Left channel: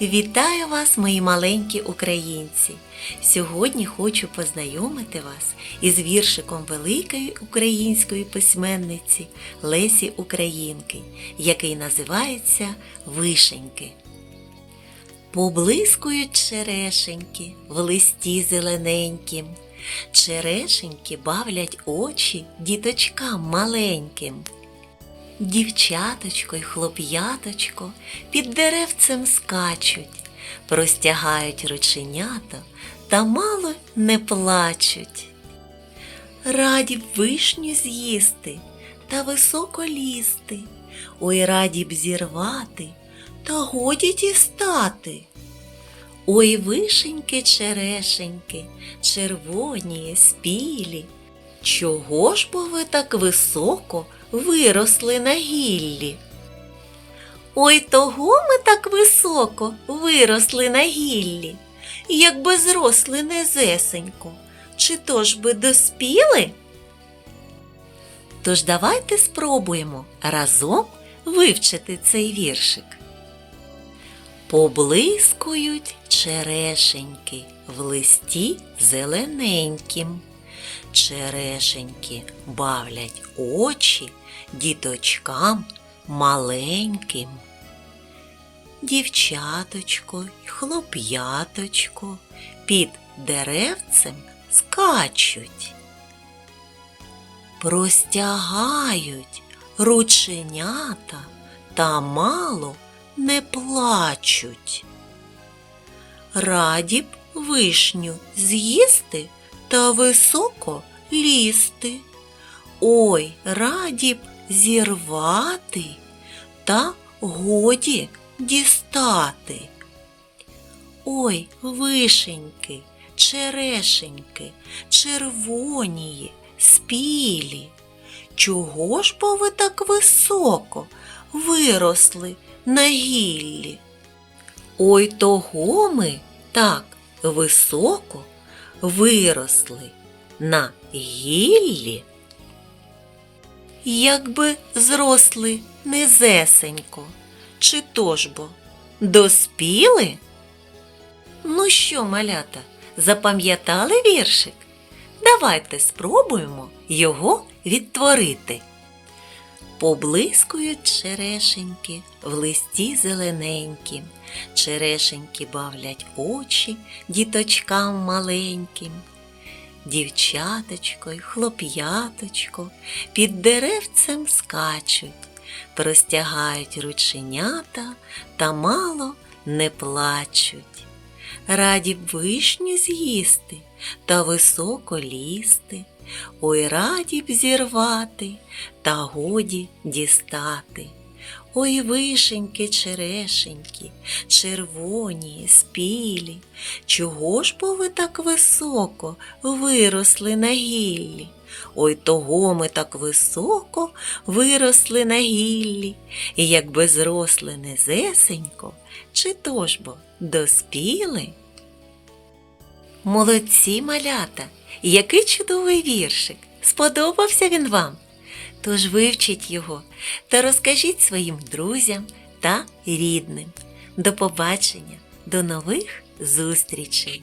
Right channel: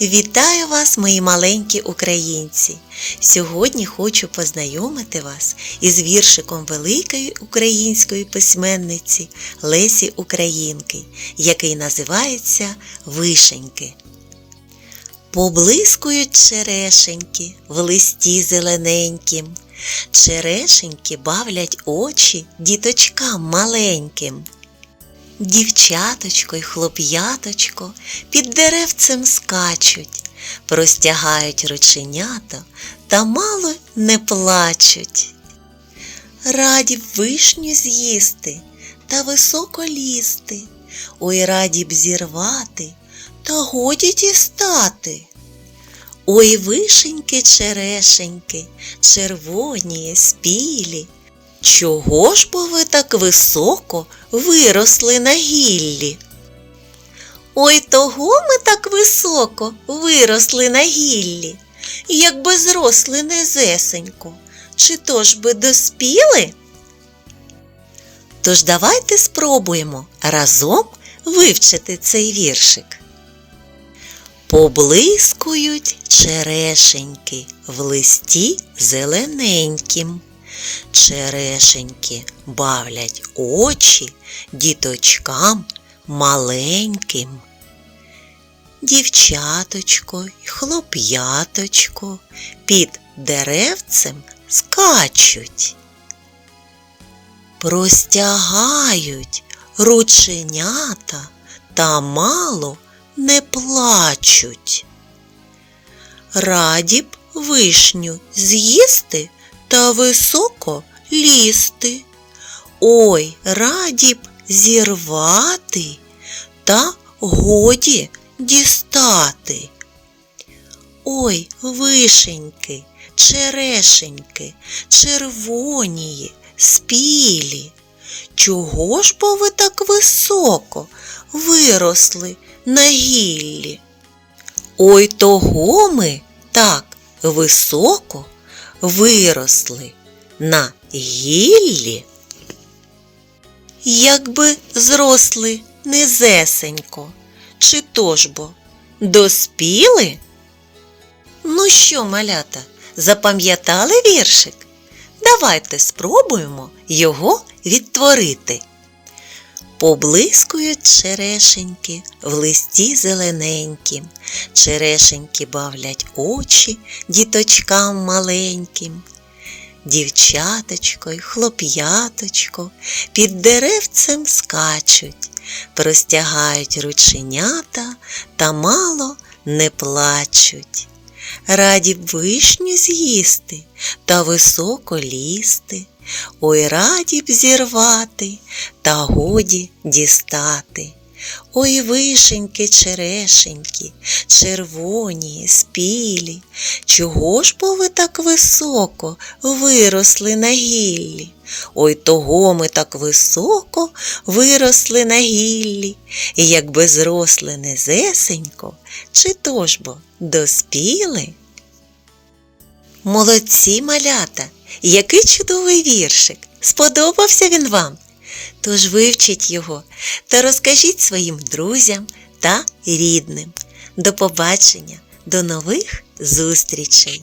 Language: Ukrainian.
Вітаю вас, мої маленькі українці! Сьогодні хочу познайомити вас із віршиком великої української письменниці Лесі Українки, який називається Вишеньки. Поблискують черешеньки в листі зелененькім. Черешеньки бавлять очі діточкам маленьким. Дівчаточко й хлоп'яточко під деревцем скачуть, простягають рученята та мало не плачуть. Раді б вишню з'їсти та високо лізти, ой раді б зірвати та годі дістати. Ой, вишеньки, черешеньки, червоні, спілі. Чого ж бо ви так високо виросли на гіллі? Ой, того ми так високо виросли на гіллі, якби зросли незесенько, чи то ж би доспіли? Тож давайте спробуємо разом вивчити цей віршик. Поблискують черешеньки в листі зелененькім. Черешеньки бавлять очі діточкам маленьким. Дівчаточко й хлоп'яточко під деревцем скачуть. Простягають рученята та мало не плачуть. Раді б вишню з'їсти та високо лізти. Ой, раді б зірвати та годі дістати. Ой, вишеньки, черешеньки, червонії, спілі. Чого ж бо ви так високо виросли на гіллі? Ой, того ми так високо виросли на гіллі, якби зросли низесенько, чи то ж бо доспіли? Ну що, малята, запам'ятали віршик? Давайте спробуємо його відтворити. Поблискують черешеньки в листі зелененькім, черешеньки бавлять очі діточкам маленьким. Дівчаточко й хлоп'яточко під деревцем скачуть, простягають рученята та мало не плачуть. Раді вишню з'їсти та високо лізти, ой раді б зірвати та годі дістати. Ой, вишеньки, черешеньки, червоні, спілі, чого ж бо ви так високо виросли на гіллі? Ой, того ми так високо виросли на гіллі, і якби зросли незесенько, чи то ж бо доспіли? Молодці малята, який чудовий віршик! Сподобався він вам? Тож вивчіть його та розкажіть своїм друзям та рідним. До побачення, до нових зустрічей!